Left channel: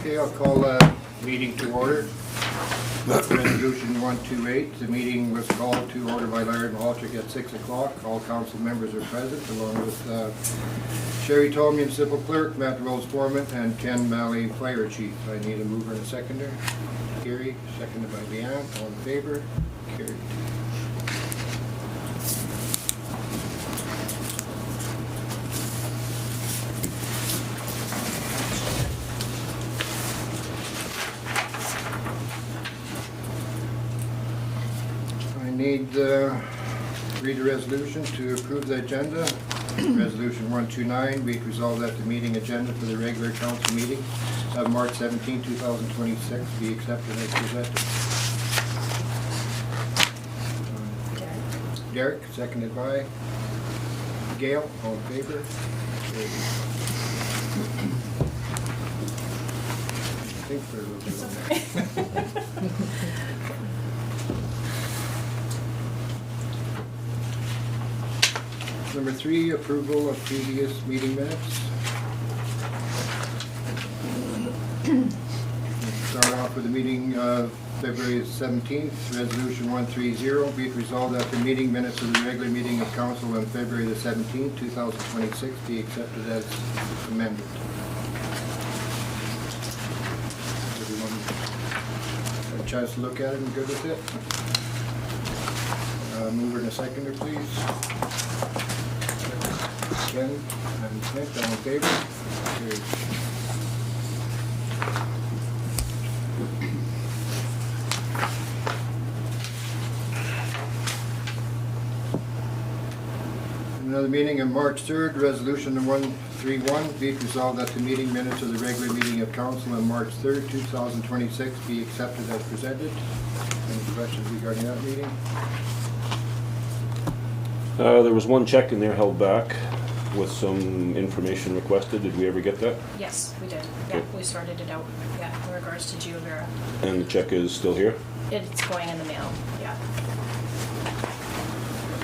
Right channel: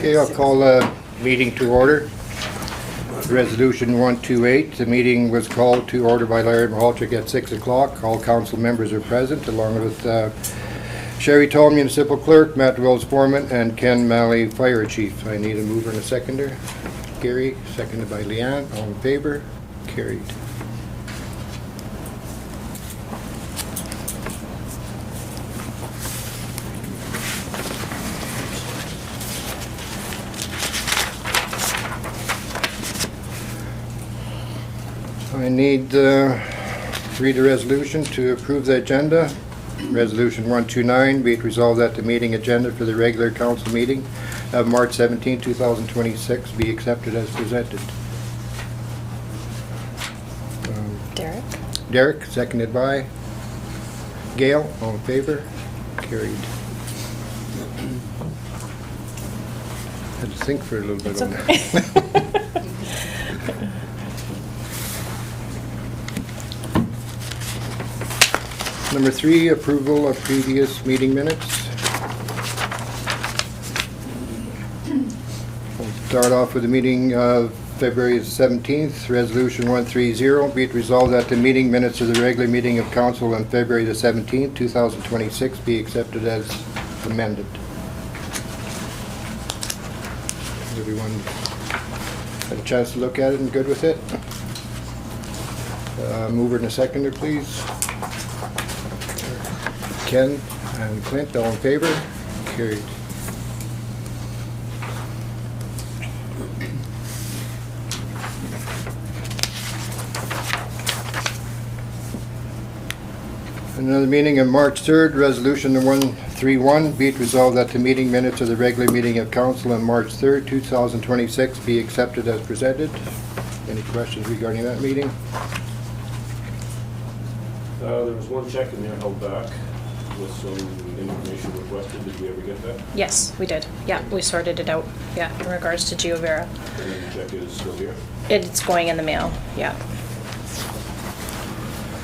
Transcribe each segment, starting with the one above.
Okay, I'll call the meeting to order. Resolution 128. The meeting was called to order by Larry Mahalchik at 6 o'clock. All council members are present, along with Sherry Toll, Municipal Clerk, Matt Wells, Foreman, and Ken Malley, Fire Chief. I need a mover and a seconder. Gary, seconded by Leanne. All in favor? Carried. I need to read a resolution to approve the agenda. Resolution 129, be it resolved that the meeting agenda for the regular council meeting of March 17, 2026 be accepted as presented. Derek, seconded by Gail. All in favor? Carried. Had to think for a little bit on that. Number 3, approval of previous meeting minutes. We'll start off with the meeting of February 17th, Resolution 130. Be it resolved that the meeting minutes of the regular meeting of council on February the 17th, 2026 be accepted as amended. Everyone had a chance to look at it and good with it? Mover and a seconder, please. Ken and Clint, all in favor? Carried. Another meeting on March 3rd, Resolution 131, be it resolved that the meeting minutes of the regular meeting of council on March 3rd, 2026 be accepted as presented. Any questions regarding that meeting? There was one check in there held back with some information requested. Did we ever get that? Yes, we did. Yeah, we sorted it out. Yeah, in regards to GeoVera. And the check is still here? It's going in the mail. Yeah.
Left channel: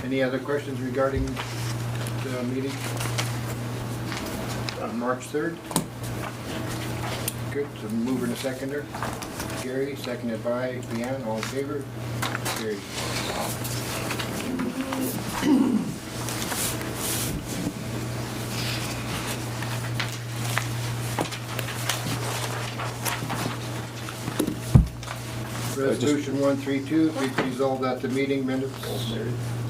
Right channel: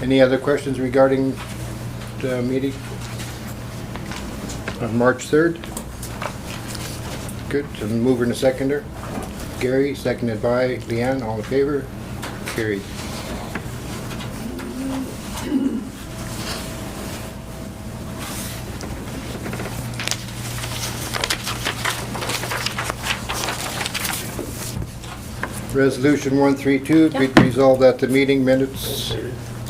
Any other questions regarding the meeting on March 3rd? Good. So mover and a seconder. Gary, seconded by Leanne. All in favor? Carried. Resolution 132, be it resolved that the meeting minutes.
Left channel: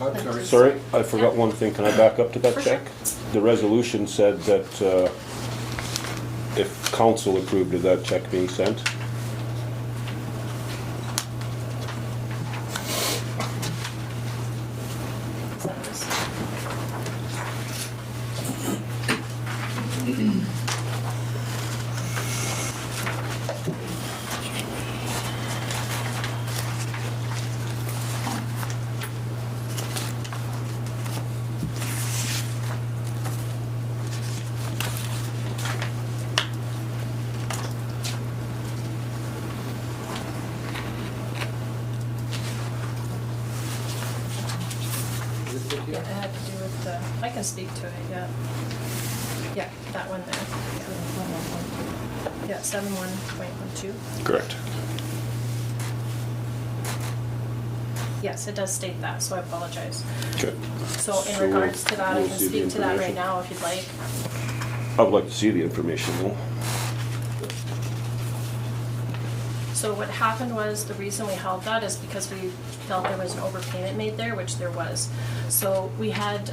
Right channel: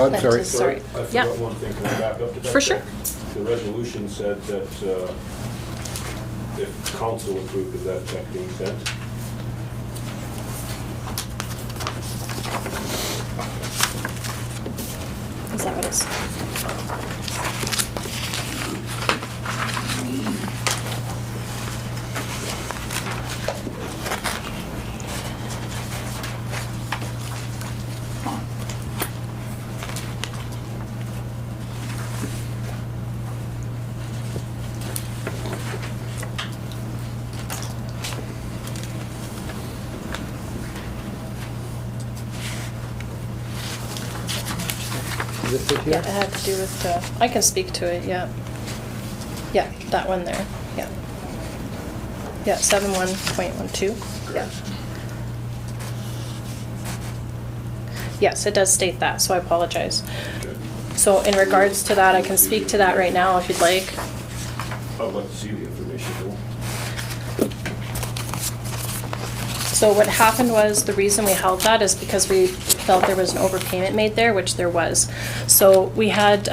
I'm sorry. Sorry, I forgot Yep. one thing. Can I back up to that For check? sure. The resolution said that if council approved of that check being sent. Is that what it is? Is this it Yeah, here? it had to do with, I can speak to it, yeah. Yeah, that one there, yeah. Yeah, 71.12. Correct. Yes, it does state that, so I apologize. Good. So in regards to that, I can speak to that right now if you'd like. I'd like to see the information though. So what happened was, the reason we held that is because we felt there was an overpayment made there, which there was. So we had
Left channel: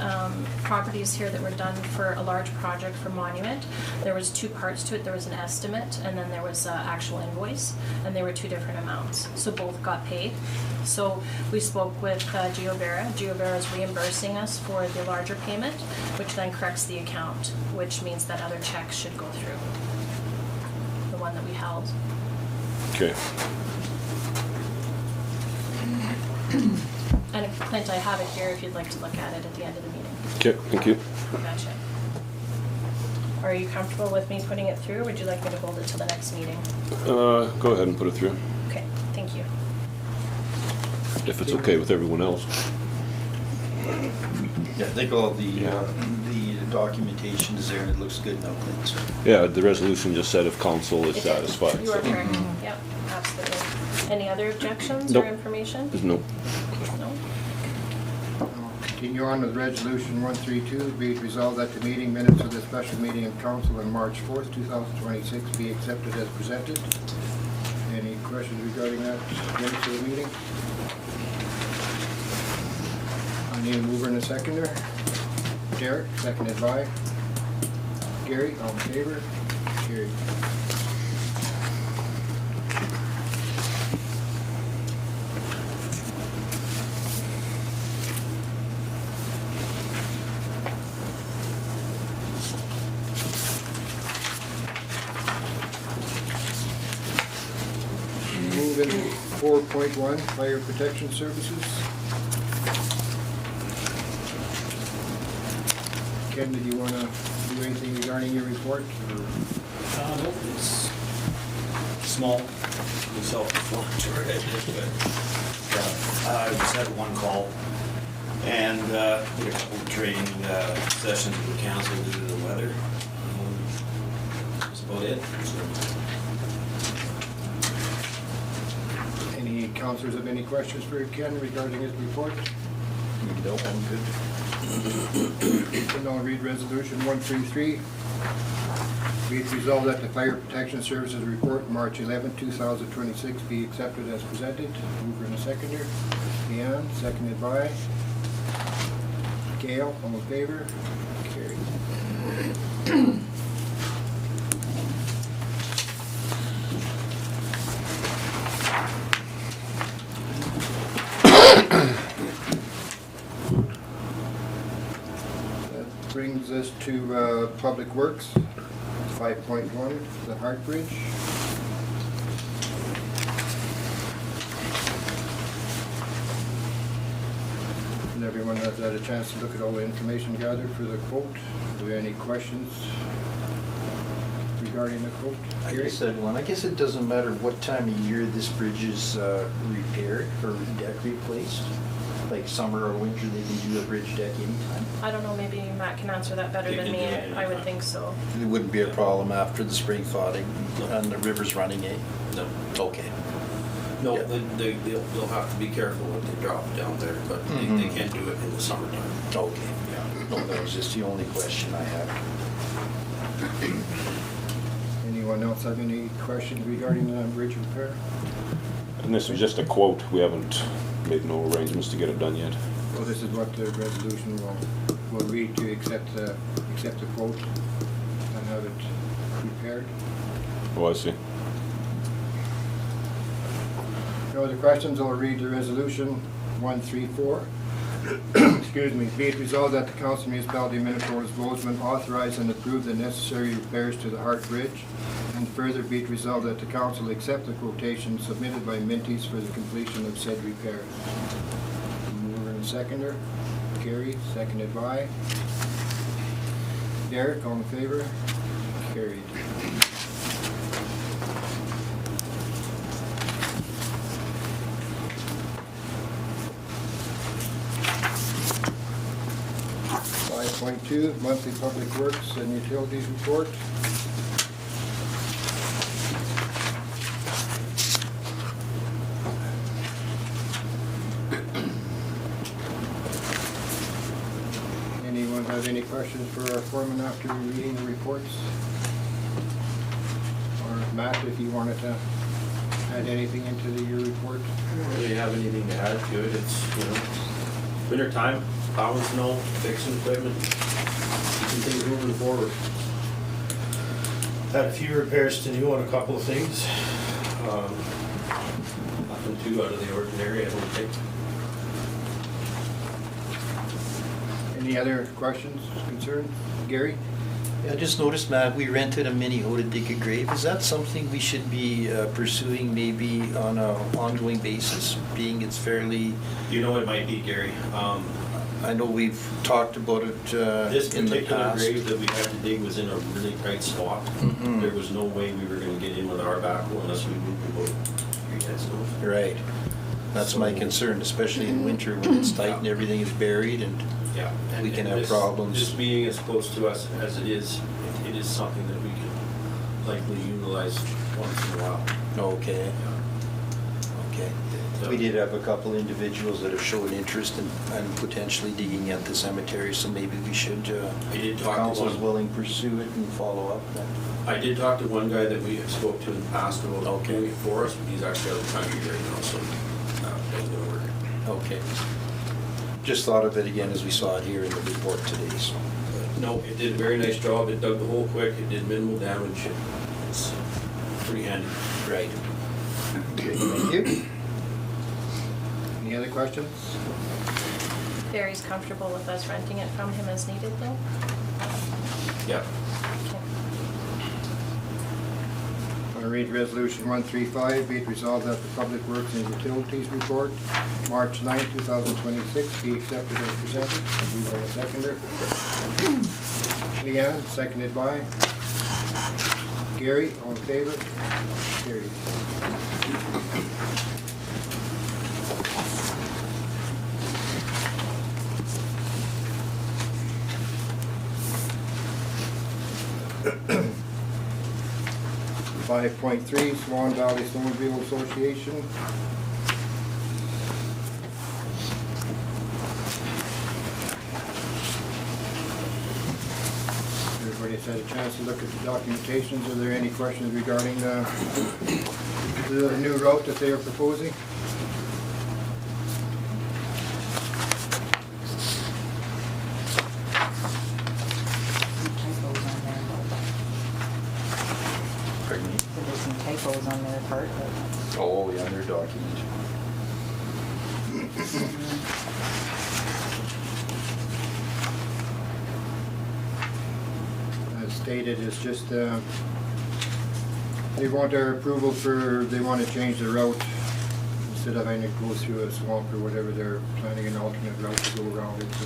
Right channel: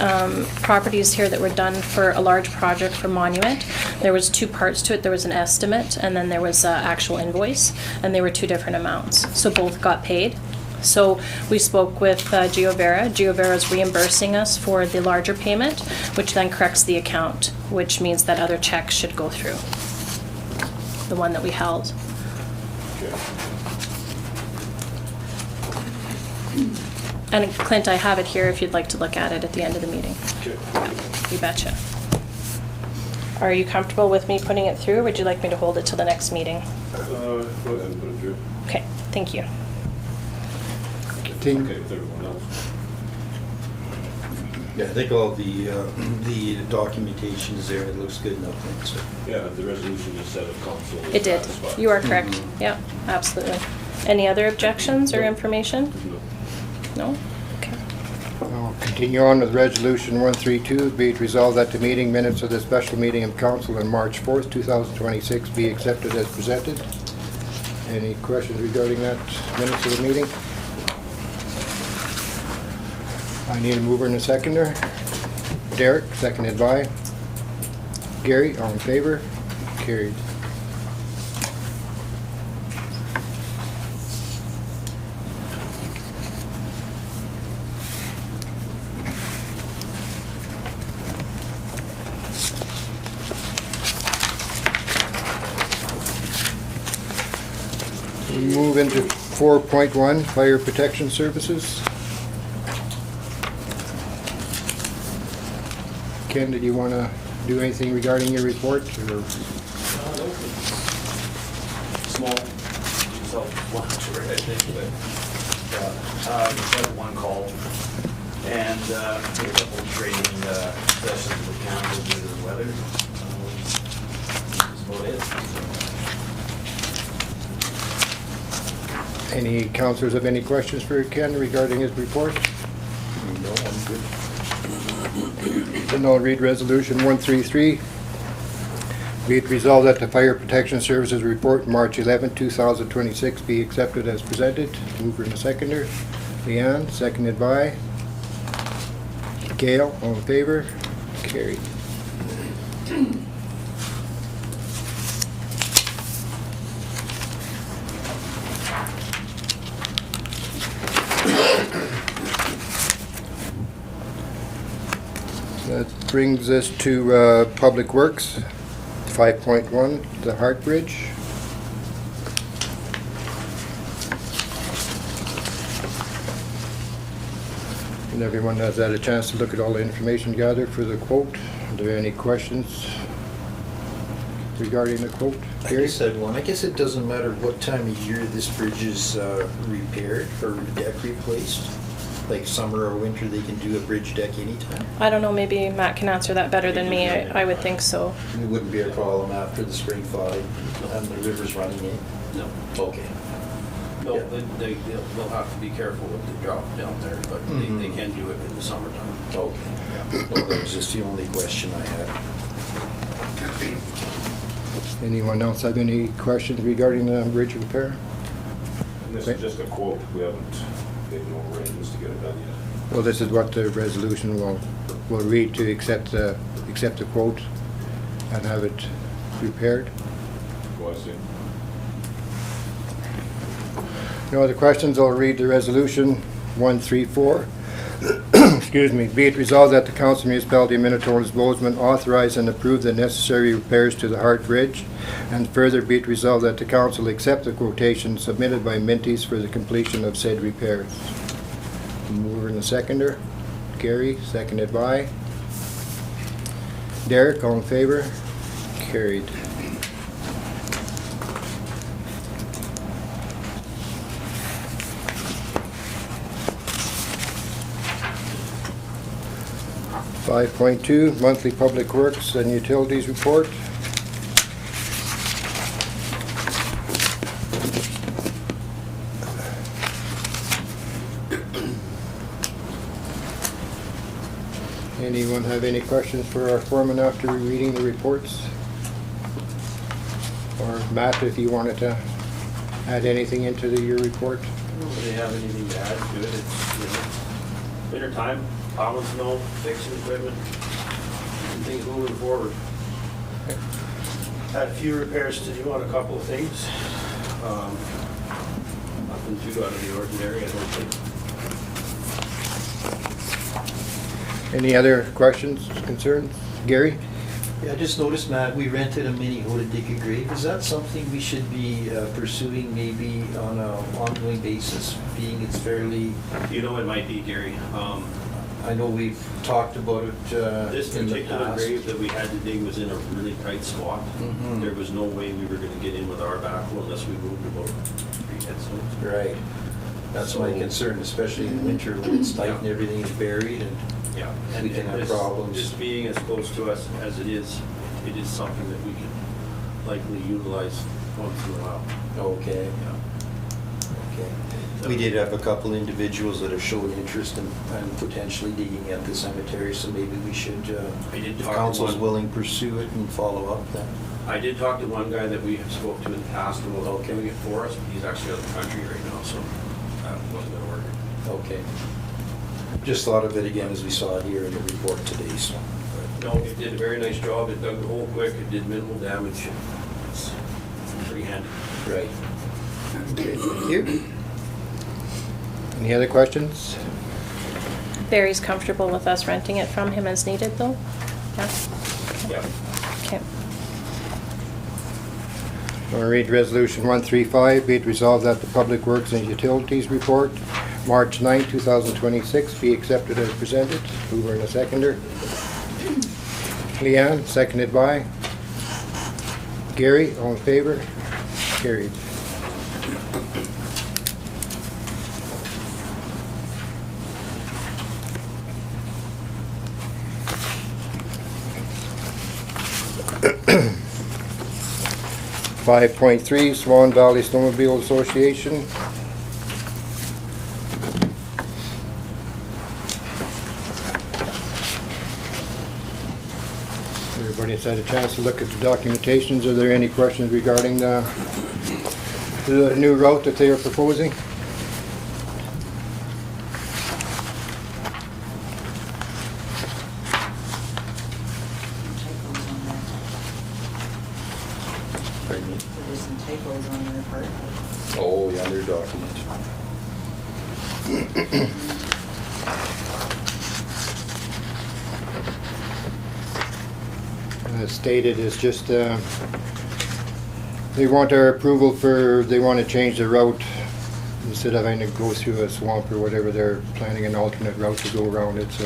properties here that were done for a large project for Monument. There was two parts to it. There was an estimate and then there was an actual invoice, and they were two different amounts. So both got paid. So we spoke with GeoVera. GeoVera is reimbursing us for the larger payment, which then corrects the account, which means that other checks should go through, the one that we held. Okay. And Clint, I have it here if you'd like to look at it at the end of the meeting. Okay, thank you. You betcha. Are you comfortable with me putting it through, or would you like me to hold it till the next meeting? Go ahead and put it through. Okay, thank you. If it's okay with everyone else. Yeah, I think all the documentation is there, and it looks good enough, I think, so. Yeah, the resolution just said if council is It did. satisfied. You are correct. Yeah, absolutely. Any other objections or Nope. information? Nope. No? I'll continue on with Resolution 132. Be it resolved that the meeting minutes of the special meeting of council on March 4th, 2026 be accepted as presented. Any questions regarding that minutes of the meeting? I need a mover and a seconder. Derek, seconded by Gary. All in favor? Carried. We move into 4.1, Fire Protection Services. Ken, did you want to do anything regarding your report? Or? No, it's small, self-explanatory, I think, but I just had one call and did a couple of training sessions with the council due to the weather. That's about it. Any councillors have any questions for Ken regarding his report? No, I'm good. Then I'll read Resolution 133. Be it resolved that the Fire Protection Services Report, March 11, 2026, be accepted as presented. Mover and a seconder. Leanne, seconded by Gail. All in favor? Carried. That brings us to Public Works, 5.1, the Hart Bridge. And everyone has had a chance to look at all the information gathered for the quote. Are there any questions regarding the quote? I Gary? guess that one, I guess it doesn't matter what time of year this bridge is repaired or deck replaced. Like summer or winter, they can do a bridge deck anytime. I don't know, maybe Matt can answer that better than me. I would think so. It wouldn't be a problem after the spring thawing, and the river's running, eh? No, Okay. no, Yeah. they'll have to be careful what they drop down there, but they can do it in the summertime. Okay, yeah. No, that was just the only question I had. Anyone else have any questions regarding the bridge repair? And this is just a quote. We haven't made no arrangements to get it done yet. Well, this is what the resolution will read, to accept the quote and have it repaired. Oh, I see. No other questions? I'll read the resolution 134. Excuse me. Be it resolved that the Council Municipality of Minitonas-Bowsman authorize and approve the necessary repairs to the Hart Bridge, and further be it resolved that the Council accept the quotation submitted by Minties for the completion of said repairs. Mover and the seconder. Gary, seconded by Derek. All in favor? Carried. .2, monthly public works and utilities report. Anyone have any questions for our foreman after reading the reports? Or Matt, if you wanted to add anything into your report? I don't really have anything to add to it. It's, winter time, plowing snow, fixing equipment, keeping things moving forward. Had a few repairs to do on a couple of things. Nothing too out of the ordinary, I don't think. Any other questions, concerns? Gary? Yeah, I just noticed, Matt, we rented a mini hoe to dig a grave. Is that something we should be pursuing maybe on an ongoing basis, being it's fairly... You know, it might be, Gary. I know we've talked about it This in the particular past. grave that we had to dig was in a really tight spot. Mhm. There was no way we were gonna get in with our backhoe unless we moved about 3 headstones. Right. That's my concern, especially in winter when it's tight and everything is buried and Yeah. we can have this- problems. This being as close to us as it is something that we can likely utilize once in a while. Okay, Yeah. okay. We did have a couple individuals that have shown interest in potentially digging at the cemetery, so maybe we should, I did if talk to council's one- willing, pursue it and follow up then. I did talk to one guy that we have spoke to in the past about doing it for us, but he's actually out of the country right now, so that wasn't gonna work. Okay. Just thought of it again as we saw it here in the report today, so. No, it did a very nice job. It dug the hole quick. It did minimal damage. It's pretty handy. Right. Okay, thank you. Any other questions? Barry's comfortable with us renting it from him as needed, though? Yeah? Yeah. Okay. I'm going to read Resolution 135, be it resolved that the Public Works and Utilities Report, March 9, 2026, be accepted as presented. Mover and a seconder. Leanne, seconded by Gary. All in favor? Carried. Five point three, Swan Valley Snowmobile Association. Everybody's had a chance to look at the documentations. Are there any questions regarding the new route that they are proposing? Typos on there. Pardon me? There was some typos on their part, but Oh, the other document. As stated, it's just, they want our approval for, they want to change the route. Instead of having to go through a swamp or whatever, they're planning an alternate route to go around it, so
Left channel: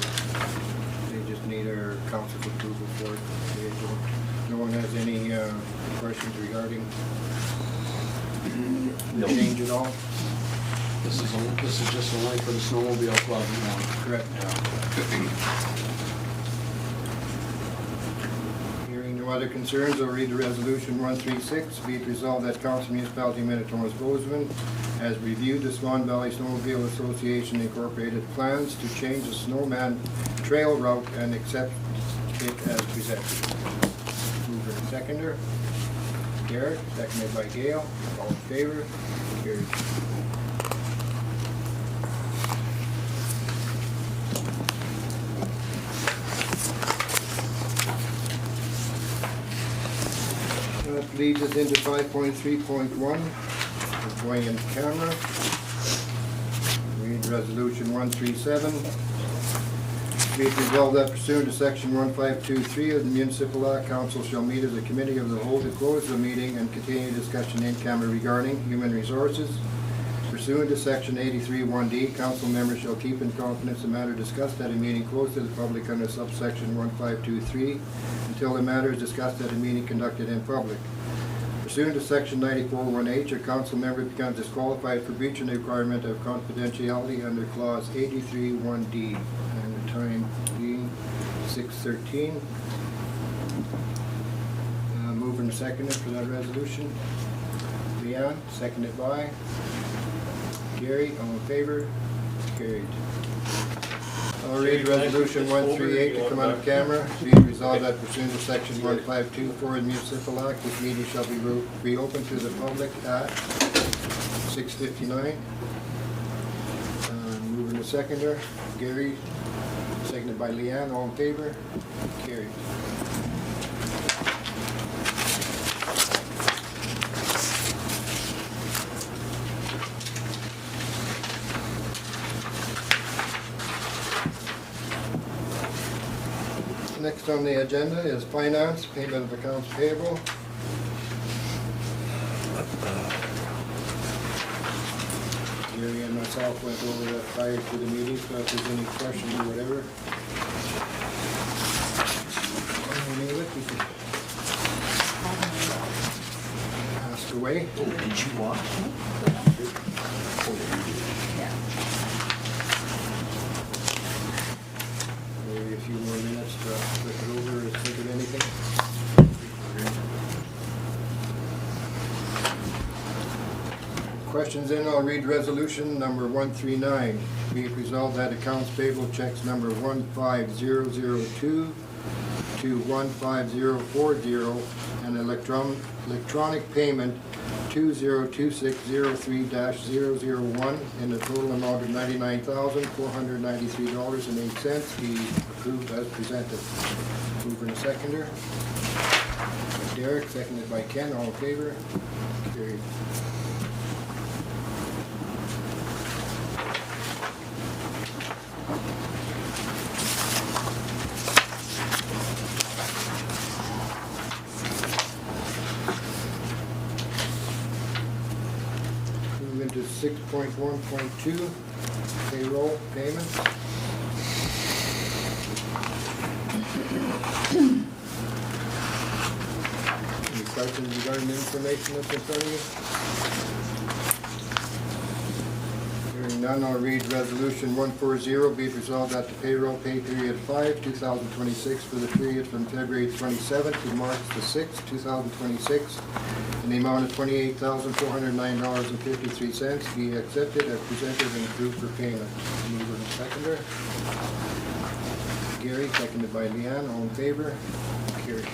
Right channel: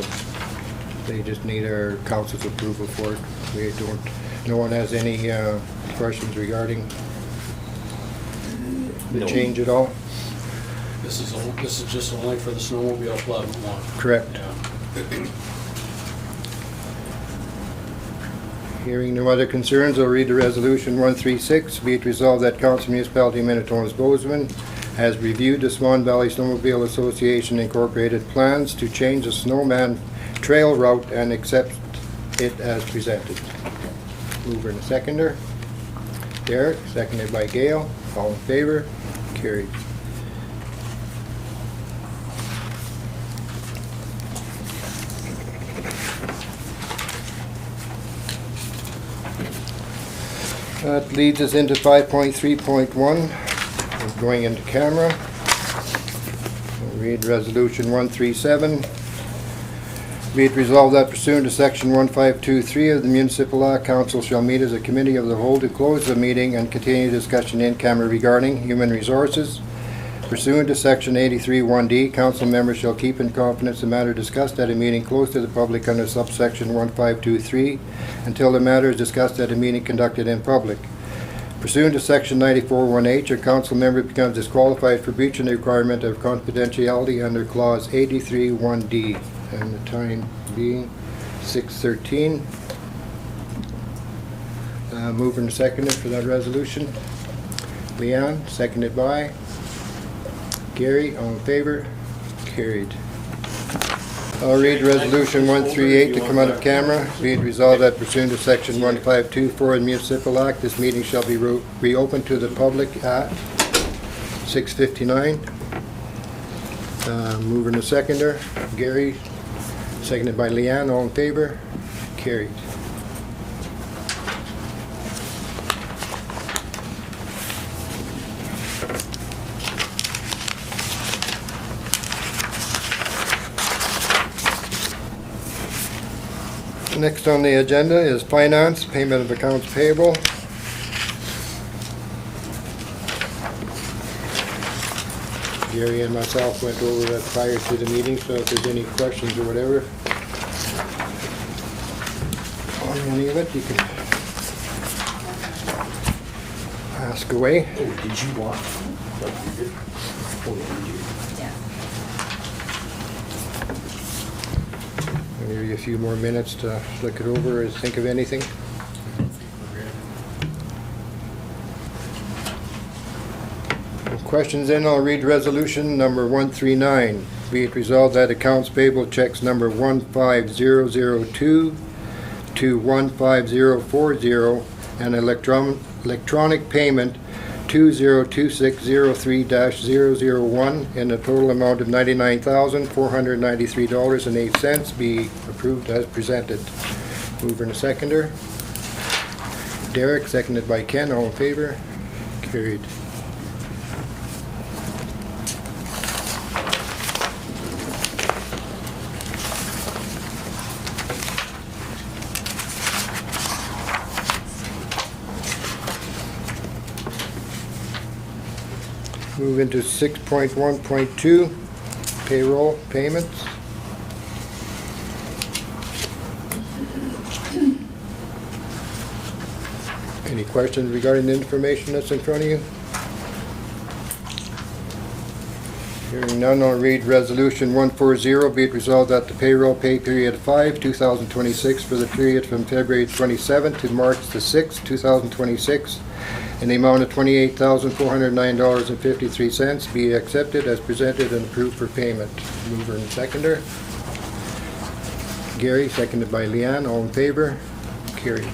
they just need our council's approval for it. We don't, no one has any questions regarding the No. change at all? This is just only for the snowmobile club now. Correct. Hearing no other concerns, I'll read the resolution 136. Be it resolved that Council Municipality of Minitonas-Bowsman has reviewed the Swan Valley Snowmobile Association Incorporated plans to change the Snowman Trail route and accepts it as presented. Mover and a seconder. Derek, seconded by Gail. All in favor? Carried. That leads us into 5.3.1, We're going into camera. I'll read Resolution 137. Be it resolved that pursuant to Section 1523 of the Municipal Law, Council shall meet as a committee of the whole to close the meeting and continue discussion in camera regarding human resources. Pursuant to Section 83(1)D, council members shall keep in confidence the matter discussed at a meeting closed to the public under subsection 1523 until the matter is discussed at a meeting conducted in public. Pursuant to Section 94(1)H, a council member becomes disqualified for breaching the requirement of confidentiality under Clause 83(1)D. And the time being 6:13. Moving and seconded for that resolution. Leanne, seconded by Gary. All in favor? Carried. I'll read Resolution 138 to come out of camera. Be it resolved that pursuant to Section 1524 of the Municipal Act, this meeting shall be reopened to the public at 6:59. Mover and a seconder. Gary, seconded by Leanne. All in favor? Carried. Next on the agenda is finance, payment of accounts payable. Gary and myself went over that prior to the meeting, so if there's any questions or whatever on any of it, you can ask away. Oh, did you want the 100? Oh, did you? yeah. I'll give you a few more minutes to look it over or think of anything. Questions in, I'll read resolution number 139. Be it resolved that accounts payable checks number 15002 to 15040 and electronic payment 202603-001 in the total amount of $99,493.08 be approved as presented. Mover and seconder. Derek, seconded by Ken, all in favor? Carried. Move into 6.1.2, payroll payments. Any questions regarding the information that's in front of you? Hearing none, I'll read resolution 140. Be it resolved that the payroll pay period 5, 2026 for the period from February 27th to March the 6th, 2026 in the amount of $28,409.53 be accepted as presented and approved for payment. Mover and seconder. Gary, seconded by Leanne. All in favor? Carried.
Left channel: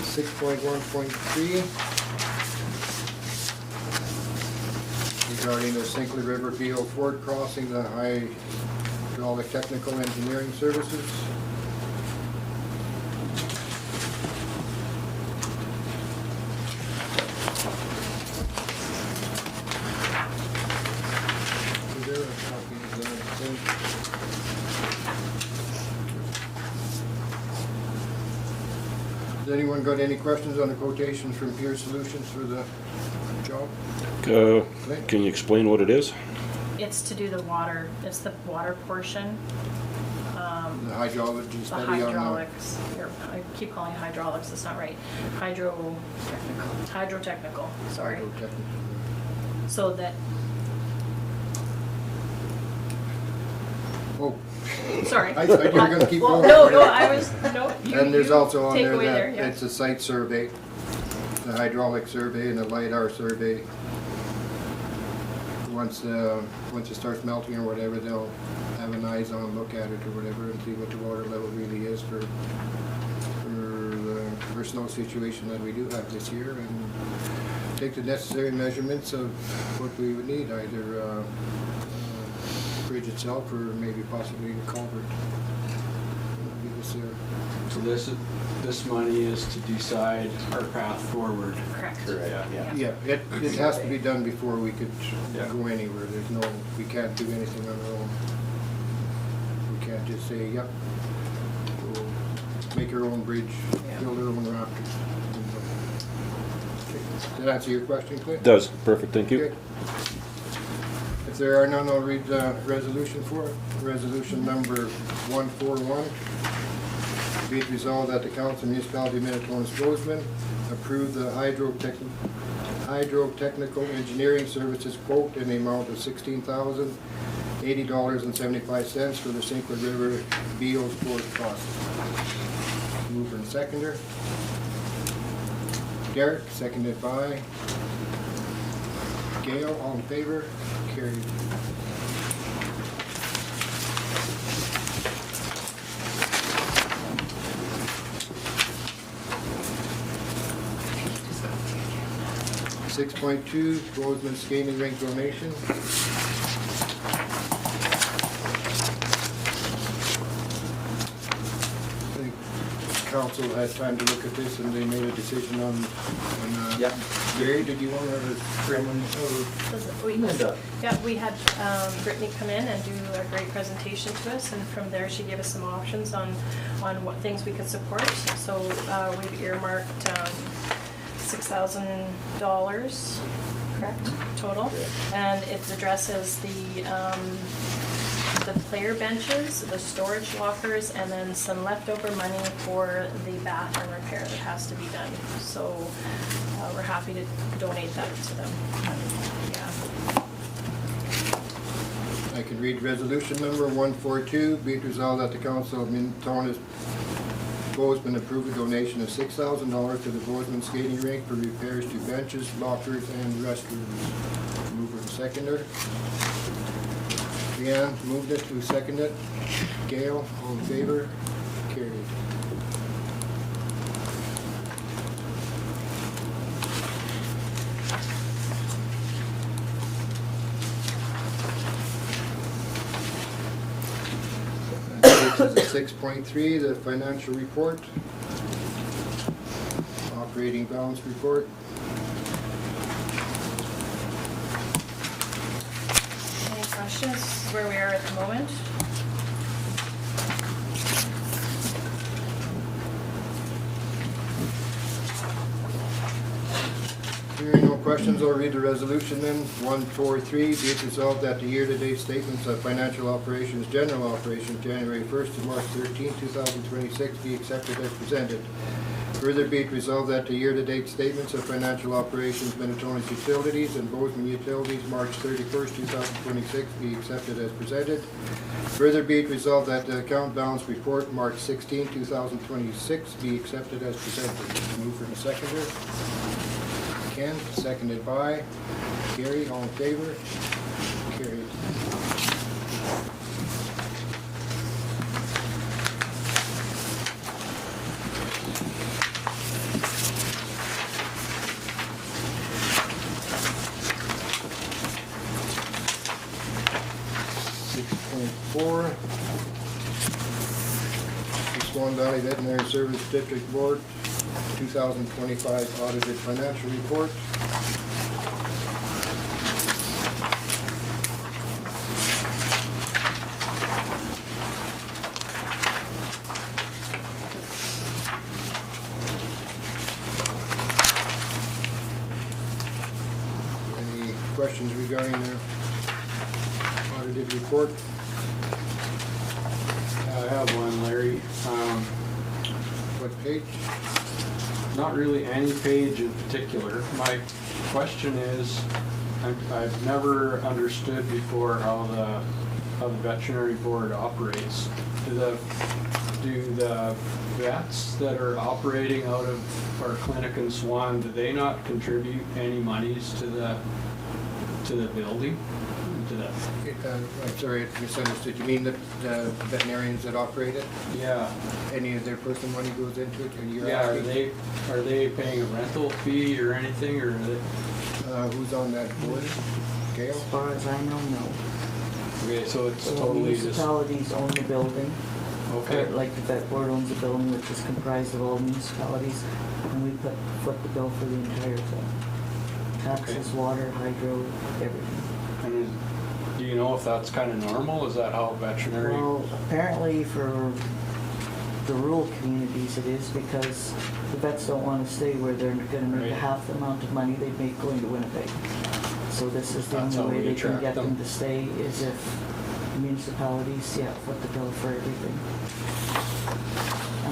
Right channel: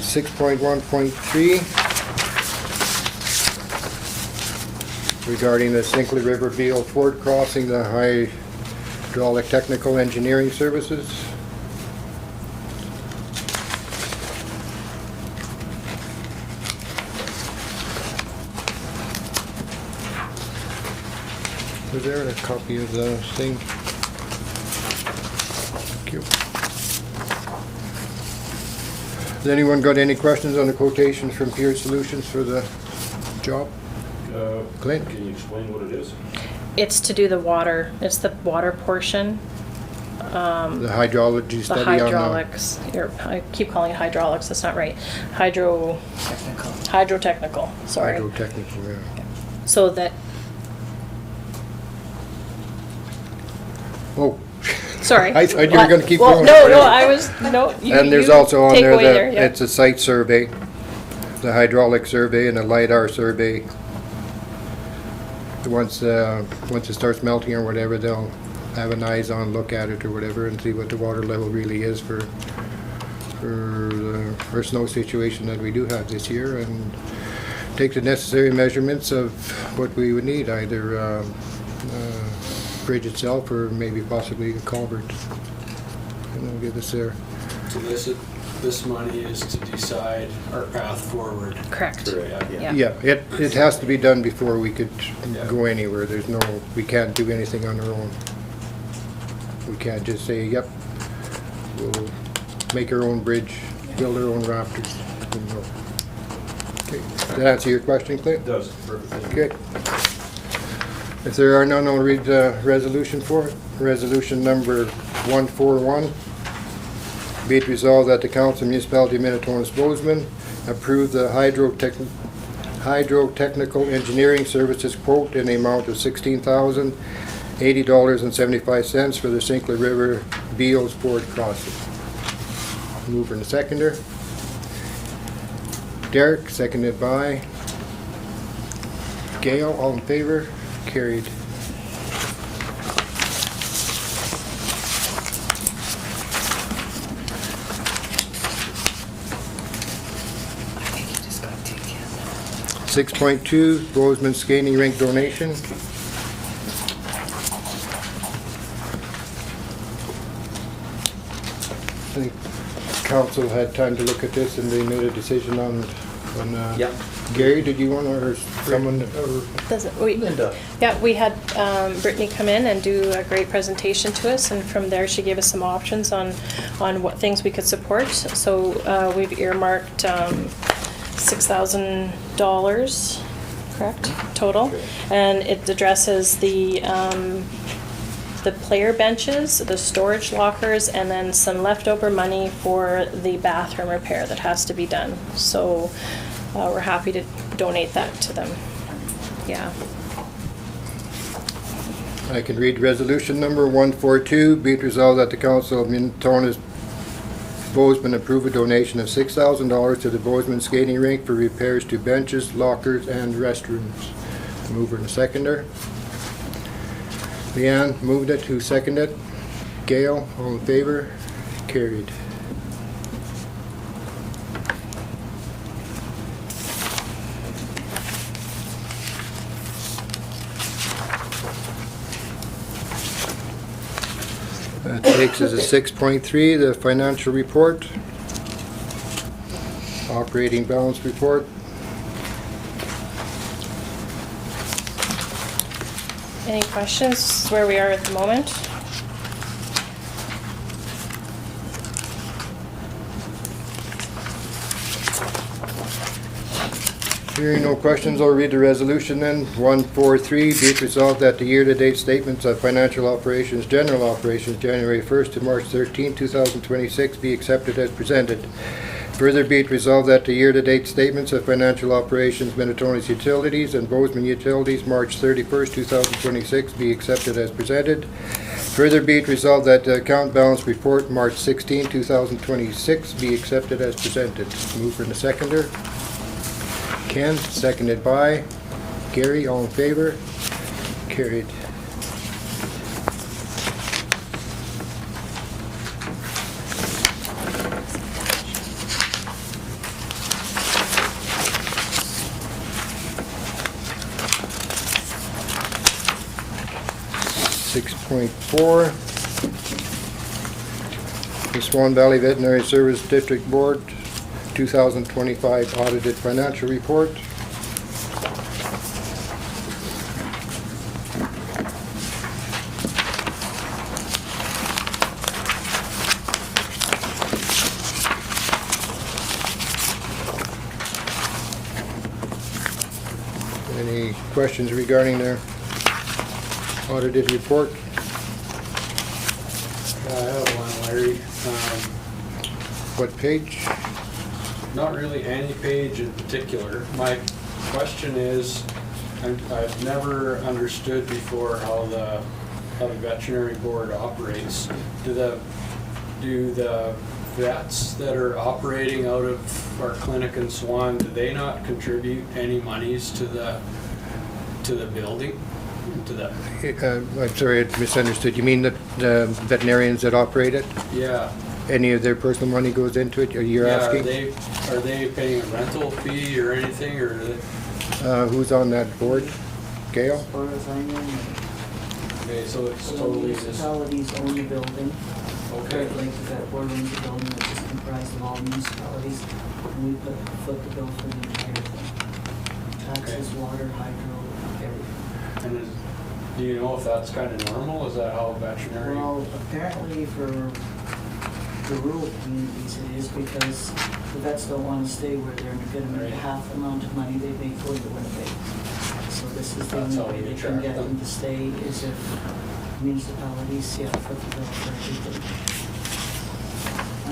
Six point 1.3 regarding the Sinclair River Beal Ford crossing, the hydraulic technical engineering services. Is there a copy of the thing? Thank you. Has anyone got any questions on the quotations from Peer Solutions for the job? Clint? Can you explain what it is? It's to do the water, it's the water portion. The hydrology The study on the... hydraulics, I keep calling it hydraulics, that's not right. Hydrotechnical, sorry. Hydrotechnical, yeah. So that, Oh, sorry. I thought you were gonna keep Well, going. No, I was, no, and there's you also on take there away that yeah. it's a site survey, the hydraulic survey and the LiDAR survey. Once it starts melting or whatever, they'll have an eyes-on look at it or whatever and see what the water level really is for our snow situation that we do have this year, and take the necessary measurements of what we would need, either bridge itself or maybe possibly a culvert. And they'll get us there. So this money is to decide our path forward. Correct. Yeah. Yeah, it has to be done before we could Yeah. go anywhere. We can't do anything on our own. We can't just say, yep, we'll make our own bridge, build our own rafters. Okay, does that answer your question, Clay? It does. Perfect, thank you. Okay. If there are none, I'll read the resolution for it. Resolution number 141. Be it resolved that the Council of Municipality of Minitonas-Bowsman approve the hydrotechnical engineering services quote in the amount of $16,080.75 for the Sinclair River Beals Ford crossing. Mover and seconder. Derek, seconded by Gail. All in favor? Carried. I think you just got to get 6.2, Bowsman Skating Rink donation. The council had time to look at this and they made a decision on Yeah. Gary, did you want to, or someone, Does it, Linda. yeah, we had Brittany come in and do a great presentation to us, and from there she gave us some options on what things we could support. So we've earmarked $6,000, correct, total, and it addresses the the player benches, the storage lockers, and then some leftover money for the bathroom repair that has to be done. So we're happy to donate that to them. Yeah. I can read resolution number 142, be it resolved that the Council of Minitonas-Bowsman approve a donation of $6,000 to the Bowsman skating rink for repairs to benches, lockers, and restrooms. Mover and seconder. Leanne moved it. Who seconded it? Gail, all in favor? Carried. That takes us to 6.3, the financial report. Operating balance report. Any questions? This is where we are at the moment. Hearing no questions, I'll read the resolution then. 143, be it resolved that the year-to-date statements of financial operations, general operations, January 1st to March 13, 2026 be accepted as presented. Further be it resolved that the year-to-date statements of financial operations, Minitonas Utilities and Bowsman Utilities, March 31st, 2026 be accepted as presented. Further be it resolved that the account balance report, March 16, 2026 be accepted as presented. Mover and seconder. Ken, seconded by Gary, all in favor? Carried. .4, the Swan Valley Veterinary Service District Board 2025 audited financial report. Any questions regarding their audited report? I have one, Larry. What page? Not really any page in particular. My question is, I've never understood before how the veterinary board operates. Do the vets that are operating out of our clinic in Swan, do they not contribute any monies to the building? To that? I'm sorry, I misunderstood. You mean the veterinarians that operate it? Yeah. Any of their personal money goes into it, you're asking? Are they paying a rental fee or anything, or are they? Who's on that board? Gail? As far as I know, no. Okay, so it's So totally just, municipalities own the building. okay, Like the vet board owns the building, which is comprised of all municipalities, and we foot the bill for the entire thing. Taxes, water, hydro, everything. and do you know if that's kind of normal? Is that how veterinary? Well, apparently for the rural communities it is, because the vets don't want to stay where they're gonna make Right. half the amount of money they make going to Winnipeg. So this is the That's only how way we they can attract get them them. to stay, is if municipalities, foot the bill for everything.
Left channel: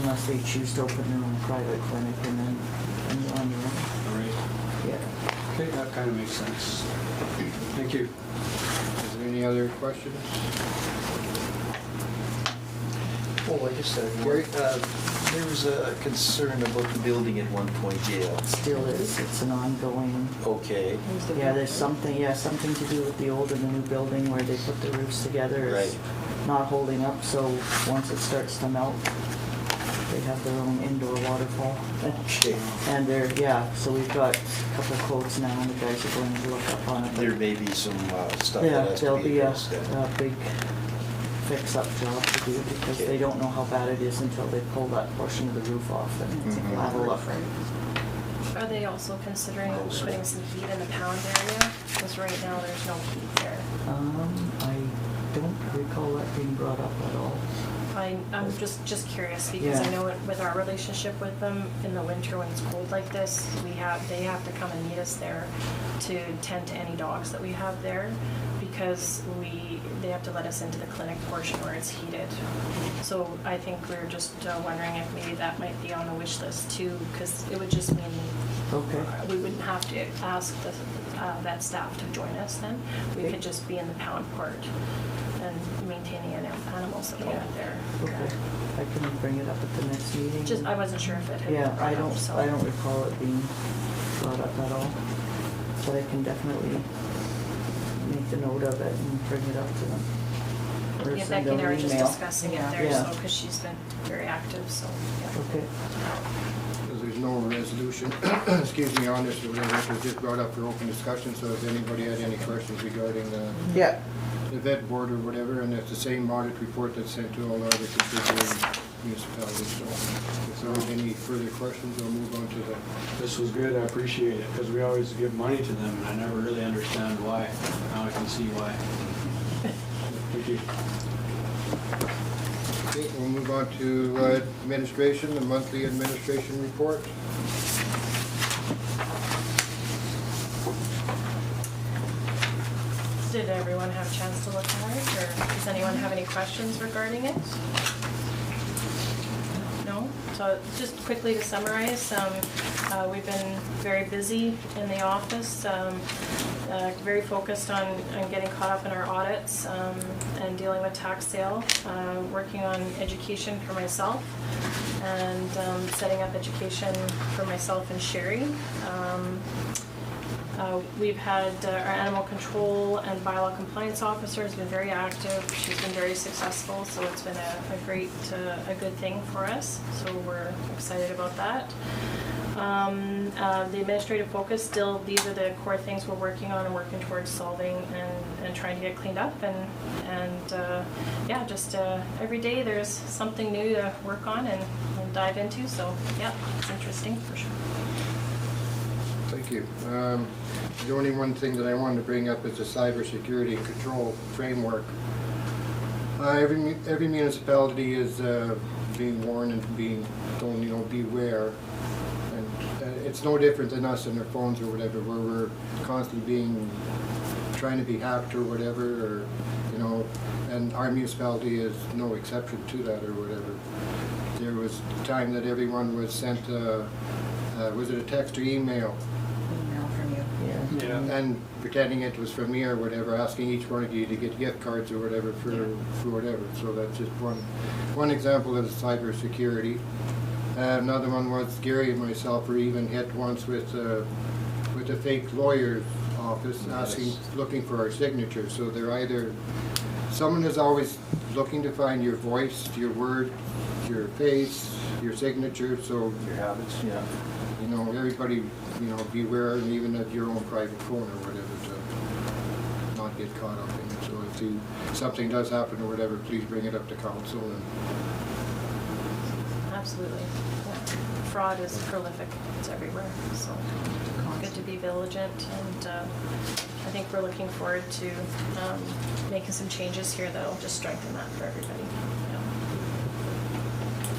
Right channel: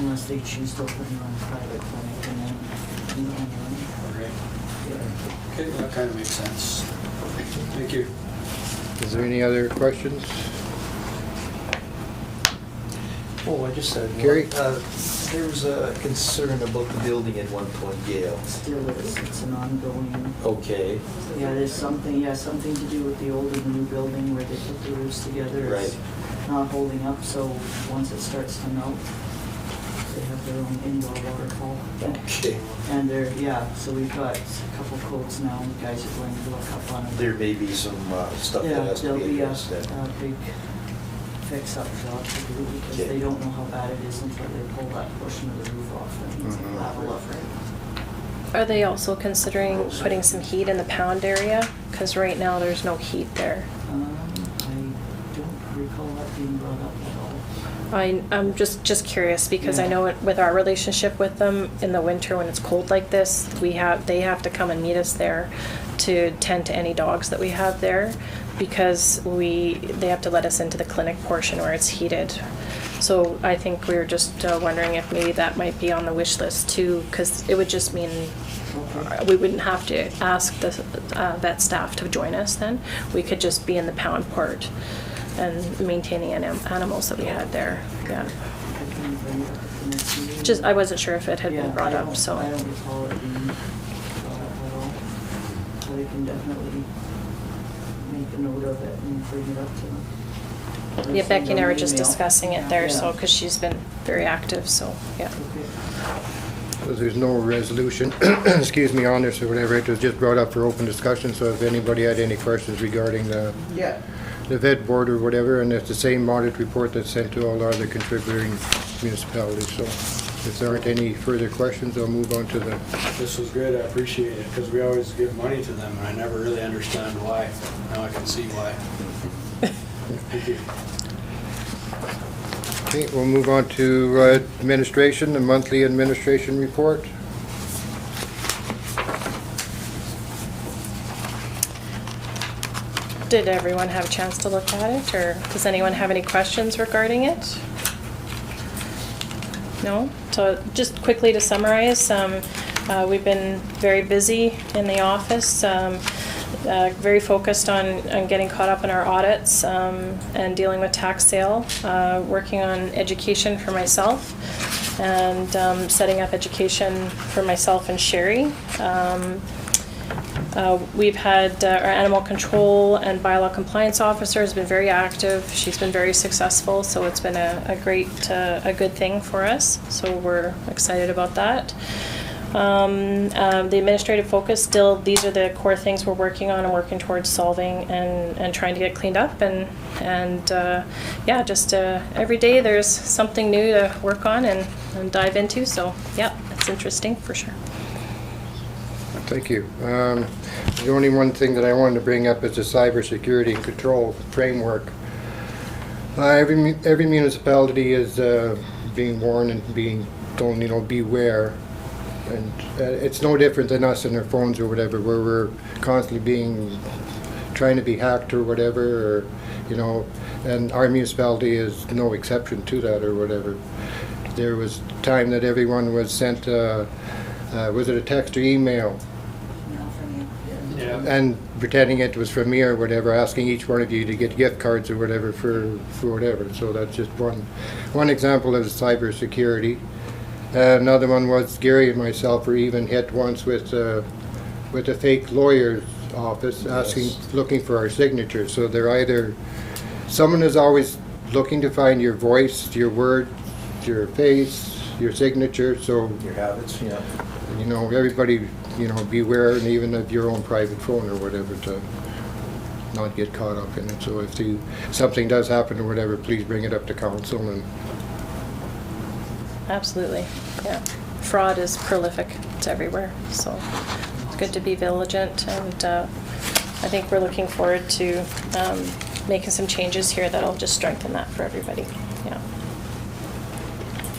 Unless they choose to open their own private clinic and then on their own. Right. Yeah. Okay, that kind of makes sense. Thank you. Is there any other questions? Oh, I just had one. Gary? There was a concern about the building at one point, Gail. Still is, it's an ongoing, Okay, there's something to do with the old and the new building where they put the roofs together. It's not holding up, so once it starts to melt, they have their own indoor waterfall. okay. And so we've got a couple of quotes now, and the guys are going to look up on it. There may be some stuff that Yeah, has to there'll be be a addressed then. big fix-up job to do, because Okay. they don't know how bad it is until they pull that portion of the roof off and Mhm. level up. Are they also considering putting some heat in the pound area? Because right now there's no heat there. I don't recall that being brought up at all. I'm just curious, because I Yeah. know with our relationship with them in the winter when it's cold like this, they have to come and meet us there to tend to any dogs that we have there, because they have to let us into the clinic portion where it's heated. So I think we were just wondering if maybe that might be on the wish list too, because it would just mean Okay. we wouldn't have to ask the vet staff to join us then. We could just be in the pound port and maintaining animals that we had there. Yeah. I can bring it up at the next meeting. Just, I wasn't sure if it had Yeah, been brought up, so. I don't recall it being brought up at all. So I can definitely make a note of it and bring it up to them. Or Yeah, send Becky and I them were an just email. discussing it there, Yeah. so, because she's been very active, so, yeah. Okay. So there's no resolution, excuse me, on this or whatever, it was just brought up for open discussion, so if anybody had any questions regarding the Yeah. vet board or whatever, and it's the same audit report that's sent to all other contributing municipalities, so if there aren't any further questions, I'll move on to the, This was good, I appreciate it, because we always give money to them, and I never really understand why. Now I can see why. Thank you. okay, we'll move on to administration, the monthly administration report. Did everyone have a chance to look at it, or does anyone have any questions regarding it? No? So just quickly to summarize, we've been very busy in the office, very focused on getting caught up in our audits and dealing with tax sale, working on education for myself, and setting up education for myself and Sherry. We've had our animal control and bylaw compliance officer has been very active. She's been very successful, so it's been a great, a good thing for us. So we're excited about that. The administrative focus, still, these are the core things we're working on and working towards solving and trying to get cleaned up. And yeah, just every day there's something new to work on and dive into. So yeah, it's interesting for sure. Thank you. The only one thing that I wanted to bring up is the cybersecurity and control framework. Every municipality is being warned and being told, you know, beware. And it's no different than us and our phones or whatever, where we're constantly trying to be hacked or whatever, or, you know, and our municipality is no exception to that or whatever. There was a time that everyone was sent, was it a text or email? Yeah. And pretending it was from me or whatever, asking each one of you to get gift cards or whatever for whatever. So that's just one example of cybersecurity. Another one was Gary and myself were even hit once with a fake lawyer's office looking for our signatures. So they're either, someone is always looking to find your voice, your word, your face, your signature. So Your habits, yeah. you know, everybody, you know, beware, and even at your own private phone or whatever, to not get caught up in it. So if something does happen or whatever, please bring it up to council. And Absolutely, yeah. Fraud is prolific, it's everywhere, so it's good to be vigilant, and I think we're looking forward to making some changes here that'll just strengthen that for everybody, yeah.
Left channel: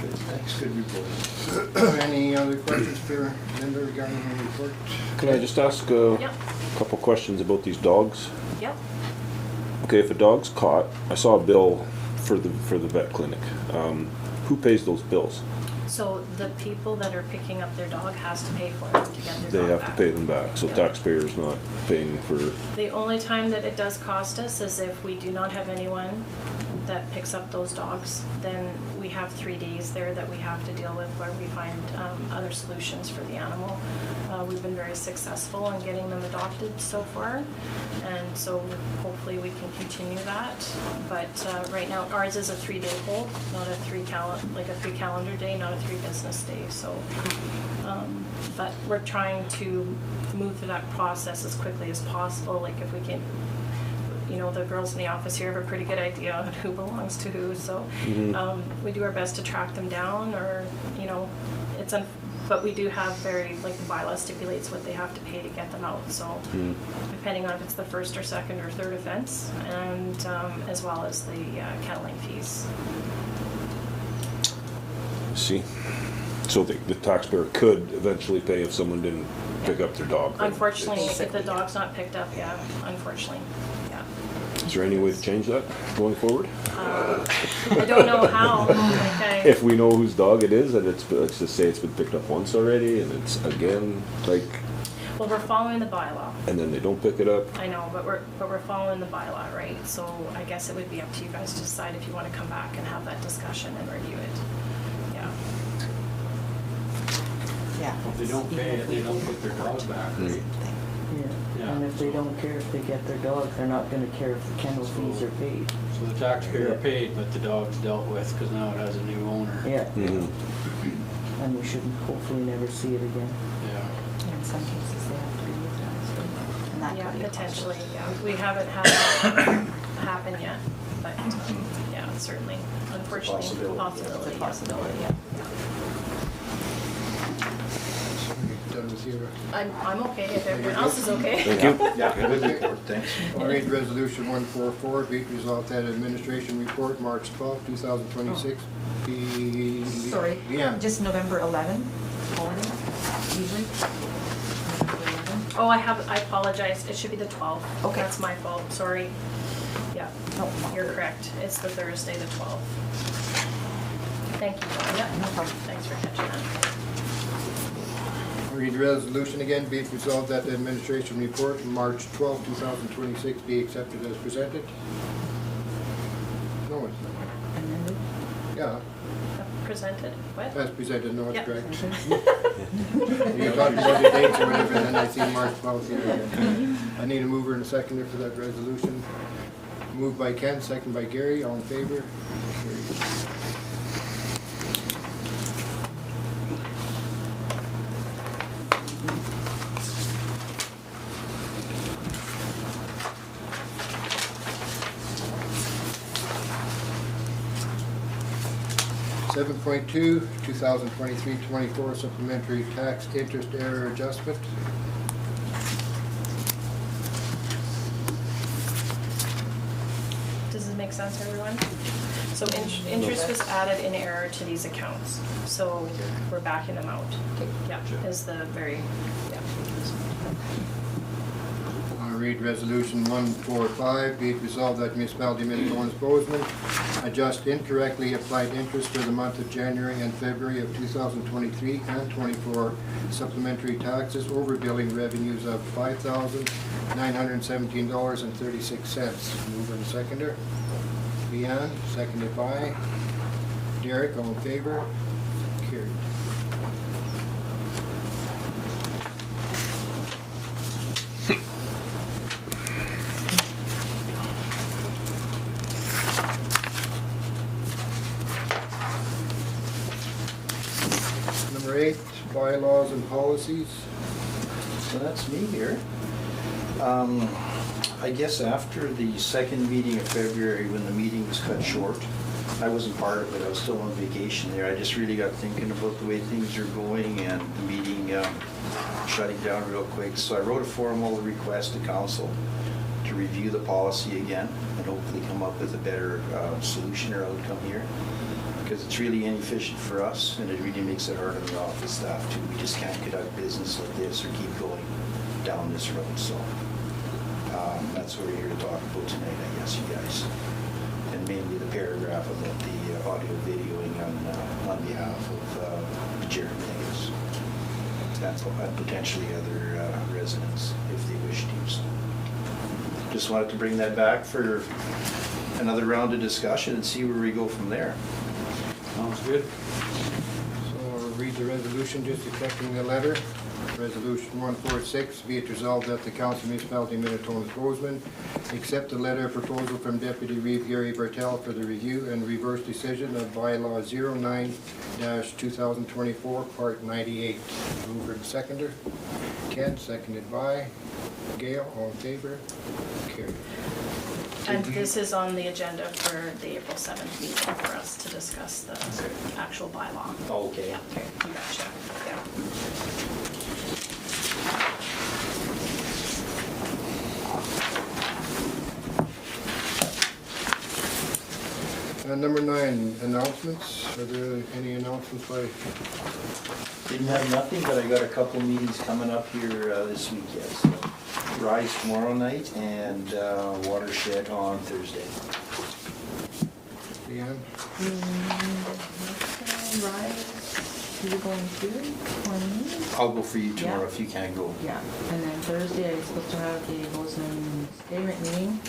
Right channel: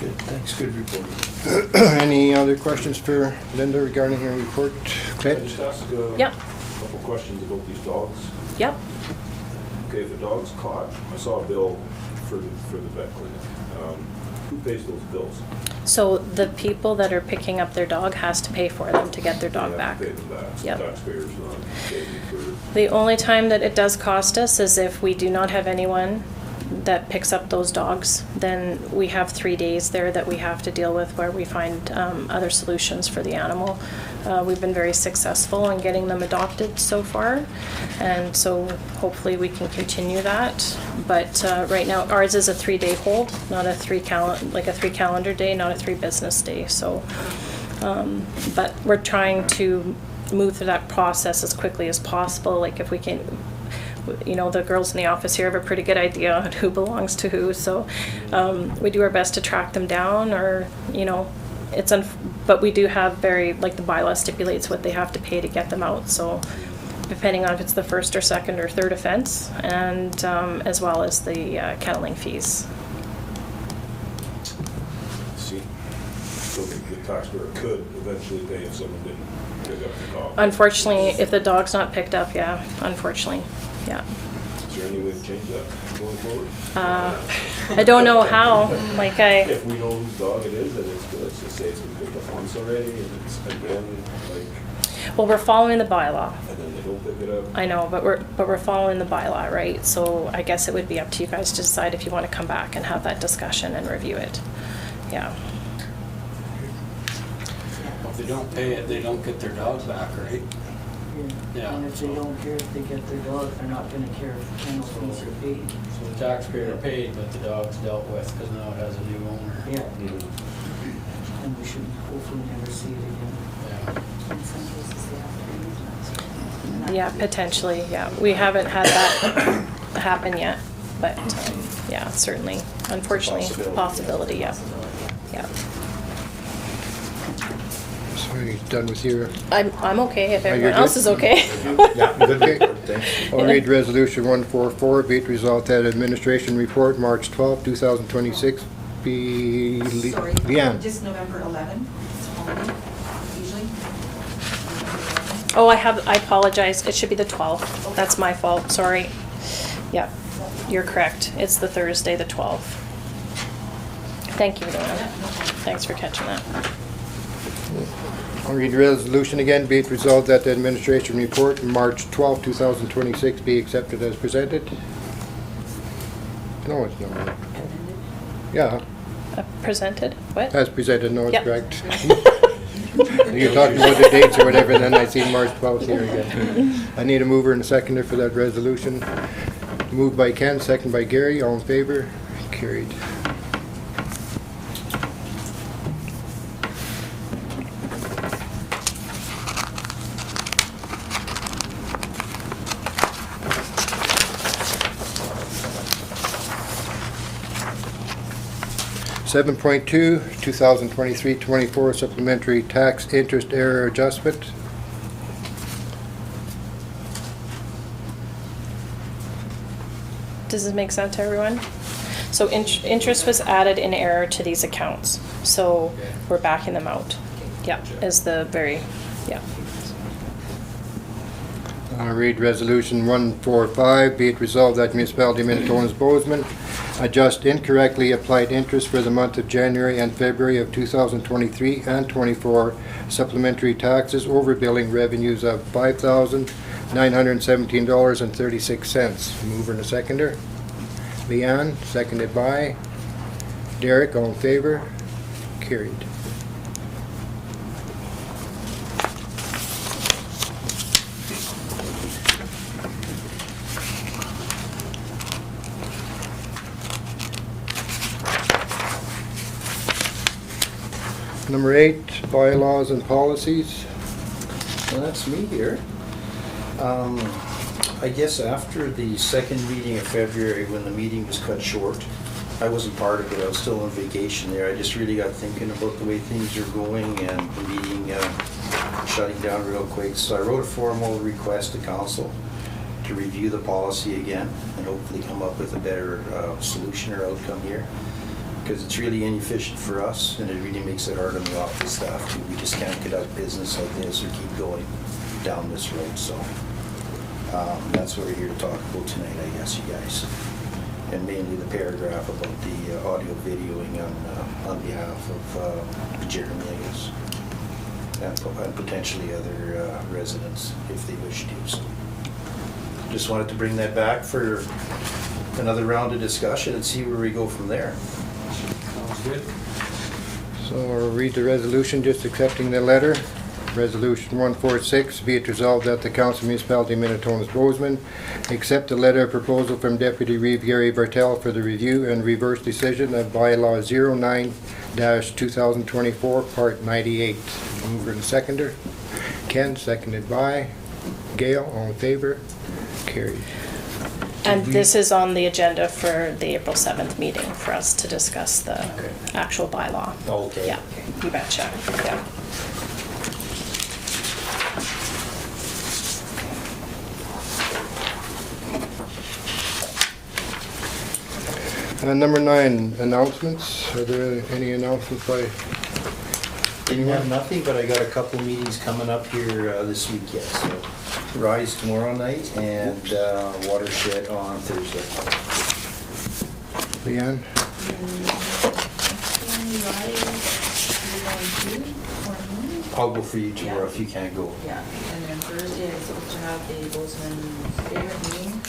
Good, thanks, good report. any other questions for Linda regarding her report? Can I just ask a Yep, couple questions about these dogs? yep. Okay, if a dog's caught, I saw a bill for the vet clinic. Who pays those bills? So the people that are picking up their dog has to pay for them to get their dog They back. have to pay them back, so Yep. taxpayers not paying for. The only time that it does cost us is if we do not have anyone that picks up those dogs. Then we have 3 days there that we have to deal with where we find other solutions for the animal. We've been very successful in getting them adopted so far, and so hopefully we can continue that. But right now ours is a 3-day hold, not a 3 calendar day, not a 3 business day. So, but we're trying to move through that process as quickly as possible. Like if we can, you know, the girls in the office here have a pretty good idea on who belongs to who. So we do our best to track them down, or you know. But we do have like the bylaw stipulates what they have to pay to get them out, so depending on if it's the first or second or third offense, and as well as the kenneling fees. See? So the taxpayer could eventually pay if someone didn't pick up the dog. Unfortunately, if the dog's not picked up, yeah, unfortunately, yeah. Is there any way to change that going forward? I don't know how, like If we know whose dog it is and it's, let's just say it's been picked up once already and it's again, like, well, we're following the bylaw. and then they don't pick it up. I know, but we're following the bylaw, right? So I guess it would be up to you guys to decide if you want to come back and have that discussion and review it. Yeah. Yeah. If they don't pay it, they don't get their dog back, right? Yeah. And if they don't care if they get their dog, they're not gonna care if the kennel fees are paid. So the taxpayer paid, but the dog's dealt with because now it has a new owner. Yeah, Mhm. and we should hopefully never see it again. Yeah. In some cases, they have to be euthanized. Yeah, potentially, yeah. We haven't had that happen yet, but, yeah, certainly, unfortunately, possibility, yeah. Yeah. So you done with your, I'm okay if Are you everyone good? else is okay. thank you. Yeah, good report, thanks. I'll read resolution 144, be it resolved that administration report, March 12, 2026, be... Sorry, Yeah. just November 11, only, usually. Oh, I apologize, it should be the 12th. Okay. That's my fault, sorry. Yeah, No. you're correct, it's the Thursday, the 12th. Thank you, Yeah, Nora. no problem. Thanks for catching that. I'll read the resolution again, be it resolved that the administration report, March 12, 2026, be accepted as presented. No, it's not. Yeah, Presented, what? as presented, no, it's Yep. correct. You're talking about the dates or whatever, then I see March 12th here again. I need a mover and a seconder for that resolution. Moved by Ken, second by Gary, all in favor? Carried. Seven point two, 2023-24 supplementary tax interest error adjustment. Does this make sense to everyone? So interest was added in error to these accounts, so we're backing them out. Yeah, is the very, yeah. I'll read resolution 145, be it resolved that municipality Minitonas-Bowsman adjust incorrectly applied interest for the month of January and February of 2023 and 24 supplementary taxes overbilling revenues of $5,917.36. Mover and a seconder. Leanne, seconded by Derek, all in favor? Carried. Number 8, bylaws and policies. So that's me here. I guess after the second meeting of February, when the meeting was cut short, I wasn't part of it, I was still on vacation there. I just really got thinking about the way things are going and the meeting shutting down real quick. So I wrote a formal request to council to review the policy again and hopefully come up with a better solution or outcome here. Because it's really inefficient for us and it really makes it hard on the office staff too. We just can't get out of business like this or keep going down this road, so. That's what we're here to talk about tonight, I guess, you guys. And mainly the paragraph about the audio videoing on behalf of Jeremy, I guess. And potentially other residents if they wish to. So just wanted to bring that back for another round of discussion and see where we go from there. Sounds good. So I'll read the resolution just accepting the letter. Resolution 146, be it resolved that the Council Municipality Minitonas-Bowsman accept the letter of proposal from Deputy Reeve Gary Bartel for the review and reverse decision of bylaw 09-2024, Part 98. Mover and seconder. Ken, seconded by Gail, all in favor? Carried. And this is on the agenda for the April 7th meeting for us to discuss the actual bylaw. Oh, okay. Yeah, you betcha, yeah. Number 9, announcements. Are there any announcements by Didn't have nothing, but I got a couple meetings coming up here this week yet, so. Rise tomorrow night and Watershed on Thursday. Leanne? I'll go for you tomorrow if you can't go. Yeah, and then Thursday I'm supposed to have the Bowsman statement meeting.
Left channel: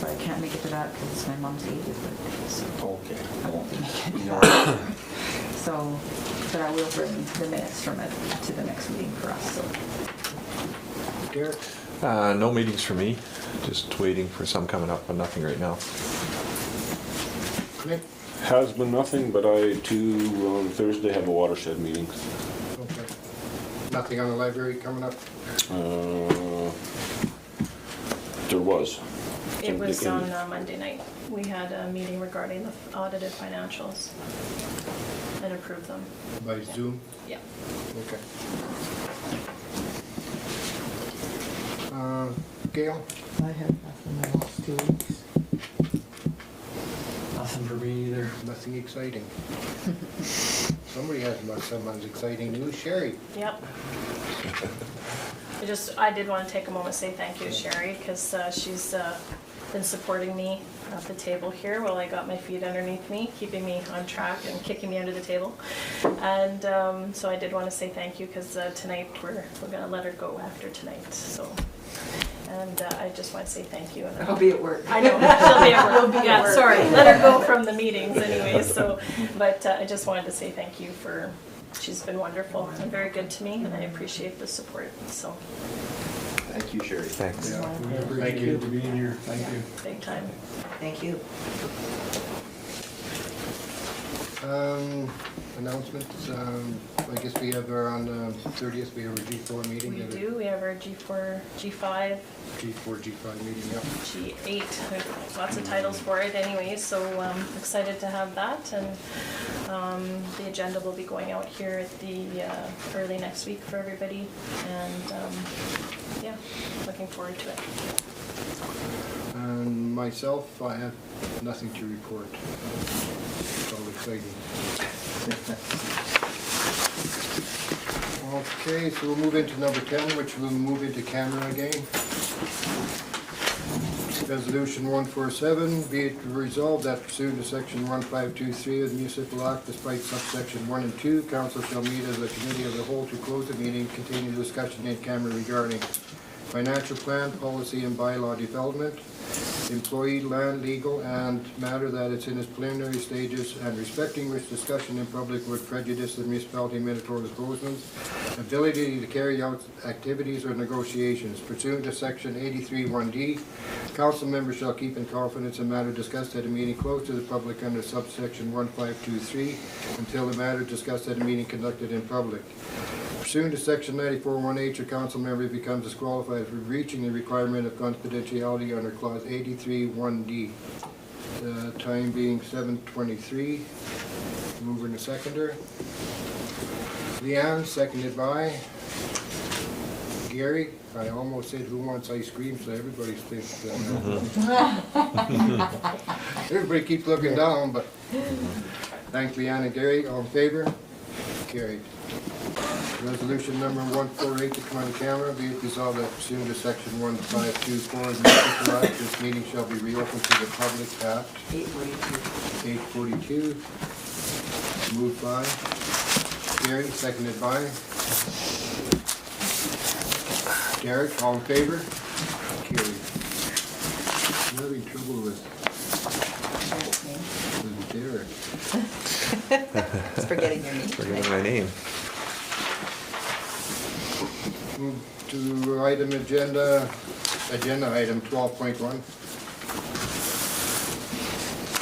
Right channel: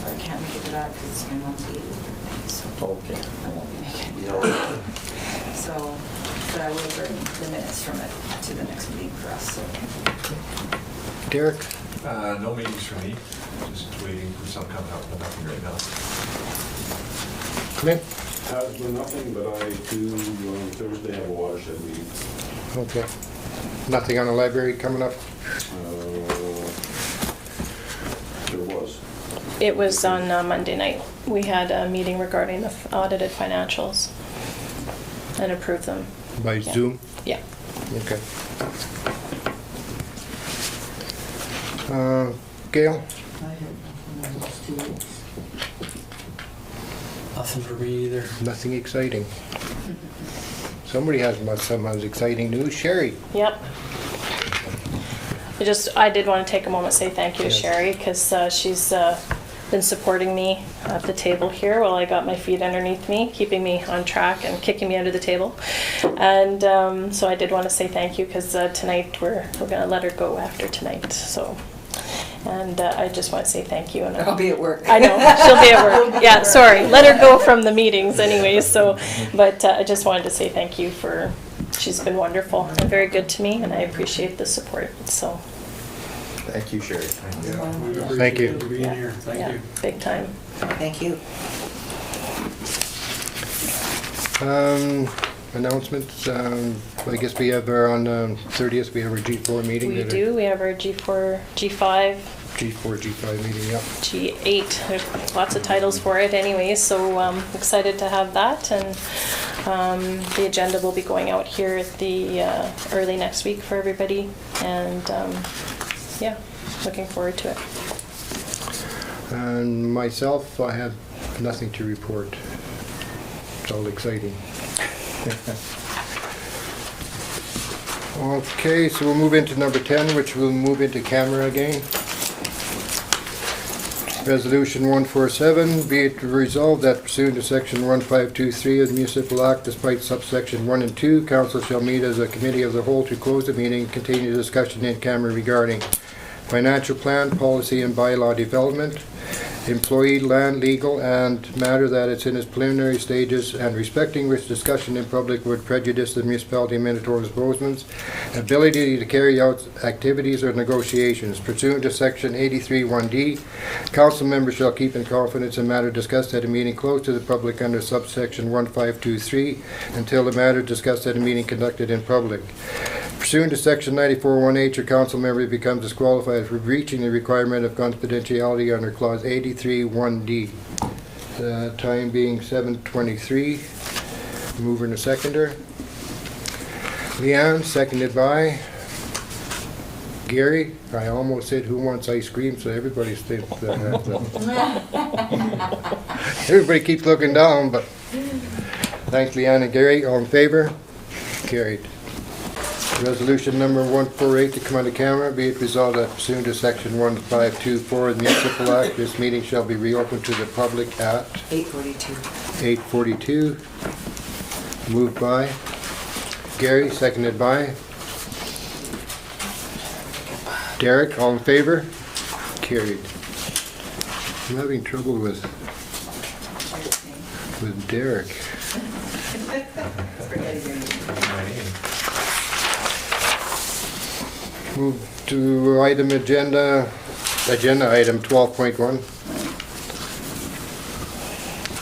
But I can't make it to that because it's my mom's 80th birthday, so Okay. I won't be making it. Yeah. So, but I will bring the minutes from it to the next meeting for us, so. Derek? No meetings for me, just waiting for some coming up, but nothing right now. Clint? Has been nothing, but I too on Thursday have a watershed meeting. Okay. Nothing on the library coming up? There was. It was on Monday night. We had a meeting regarding the audited financials and approved them. By Yeah. Zoom? Yeah. Okay. Gail? I have nothing the last 2 weeks. Nothing for me either. Nothing exciting. Somebody has some exciting news. Sherry? Yep. I did want to take a moment to say thank you to Yes. Sherry, because she's been supporting me at the table here while I got my feet underneath me, keeping me on track and kicking me under the table. And so I did want to say thank you, because tonight we're going to let her go after tonight. So, and I just want to say thank you. And I'll be at work. I know, she'll be at work. Yeah, sorry, let her go from the meetings anyways. So, but I just wanted to say thank you for. She's been wonderful and very good to me, and I appreciate the support. So, Thank you, Sherry. Thanks. Thank you. For being Yeah. here, thank yeah, you. big time. Thank you. Announcements. I guess we have our, on the 30th, we have our G4 meeting. We do. We have our G4, G5, G4, G5 meeting, yeah. G8. There's lots of titles for it anyways, so excited to have that. And the agenda will be going out here at the early next week for everybody. And yeah, looking forward to it. And myself, I have nothing to report. It's all exciting. Okay, so we'll move into number 10, which will move into camera again. Resolution 147, be it resolved that pursuant to section 1523 of the Municipal Act, despite subsection 1 and 2, council shall meet as a committee of the whole to close the meeting, continue discussion in camera regarding financial plan, policy and bylaw development, employee, land, legal, and matter that it's in its preliminary stages, and respecting which discussion in public would prejudice the municipality of Minitonas-Bowsman's ability to carry out activities or negotiations. Pursuant to section 83(1)D, council members shall keep in confidence a matter discussed at a meeting closed to the public under subsection 1523 until the matter discussed at a meeting conducted in public. Pursuant to section 94(1)H, a council member becomes disqualified for breaching the requirement of confidentiality under clause 83(1)D. Time being 7:23. Mover and a seconder. Leanne, seconded by Gary. I almost said who wants ice cream, so everybody thinks that. Everybody keeps looking down, but thanks, Leanne and Gary. All in favor? Carried. Resolution number 148 to come on the camera. Be it resolved that pursuant to section 1524 of the Municipal Act, this meeting shall be reopened to the public at 8:42. Moved by Gary, seconded by Derek. All in favor? Carried. I'm having trouble with Derek. Forgetting your name. My name. Move to agenda item 12.1.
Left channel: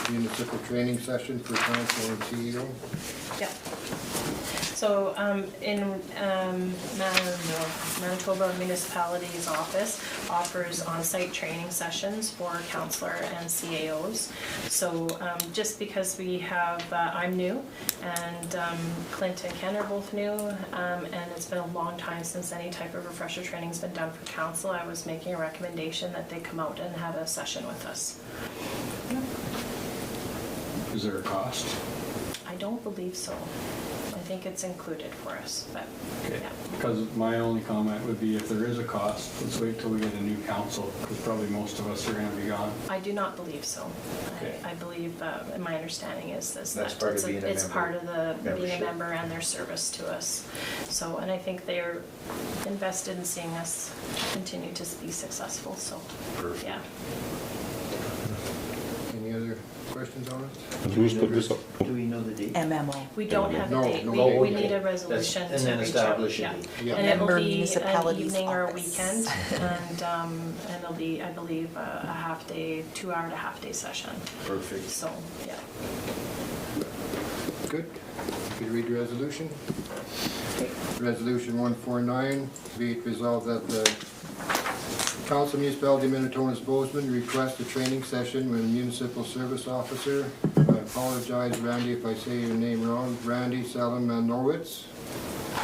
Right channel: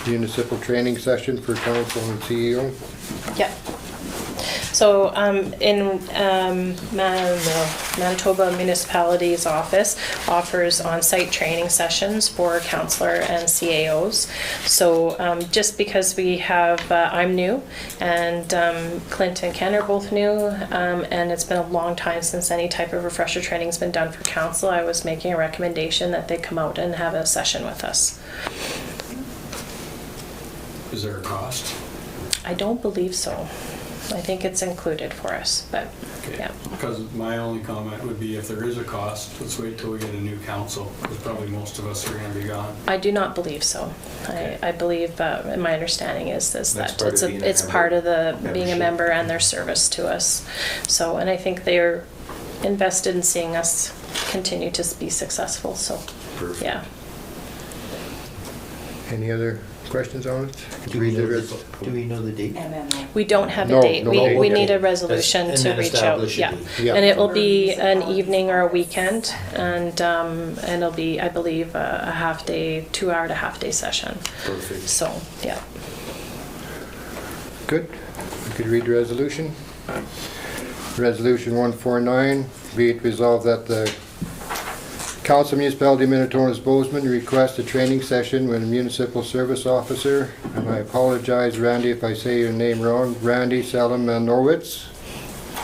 Municipal training session for council and CEO. Yeah. So in Manitoba Municipality's office offers on-site training sessions for councillor and CAOs. So just because we have, I'm new and Clint and Ken are both new, and it's been a long time since any type of refresher training's been done for council, I was making a recommendation that they come out and have a session with us. Is there a cost? I don't believe so. I think it's included for us, but, Okay. yeah. Because my only comment would be if there is a cost, let's wait till we get a new council, because probably most of us are gonna be gone. I do not believe so. Okay. I believe, and my understanding is this, That's that part it's of being a it's member. part of the, being a Membership. member and their service to us. So, and I think they're invested in seeing us continue to be successful, so, Perfect. yeah. Any other questions on it? Do we know the date? MMO. We don't have a No, date. no, We okay. need a resolution And to then reach out, establish a yeah. date. Yeah. And it will For be an municipalities' evening or a office. weekend, and it'll be, I believe, a half-day, 2-hour to half-day session. Perfect. So, yeah. Good. You could read the resolution. Resolution 149, be it resolved that the Council Municipality Minitonas-Bowsman request a training session with a municipal service officer. And I apologize, Randy, if I say your name wrong. Randy Salamanowitz,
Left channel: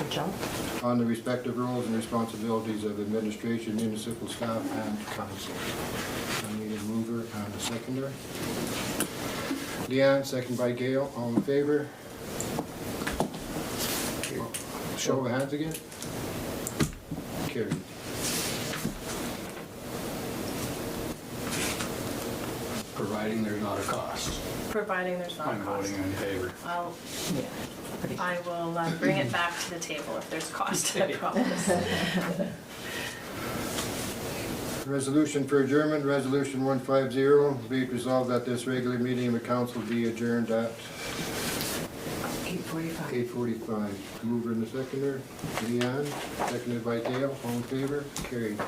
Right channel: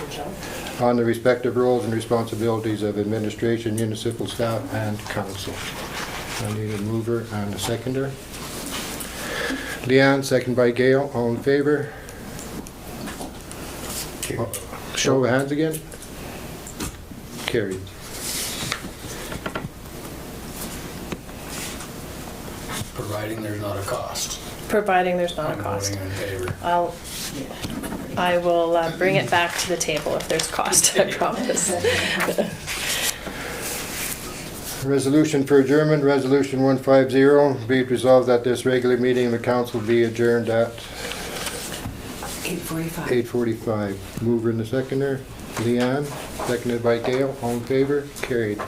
Good job. on the respective roles and responsibilities of administration, municipal staff, and council. I need a mover and a seconder. Leanne, second by Gail. All in favor? Show of hands again. Carried. Providing there's not a cost. Providing there's not a I'm cost. voting in favor. I will bring it back to the table if there's cost, I promise. Resolution for adjournment, resolution 150, be it resolved that this regular meeting of the council be adjourned at 8:45. 8:45. Mover and the seconder, Leanne, seconded by Gail, all in favor, carried.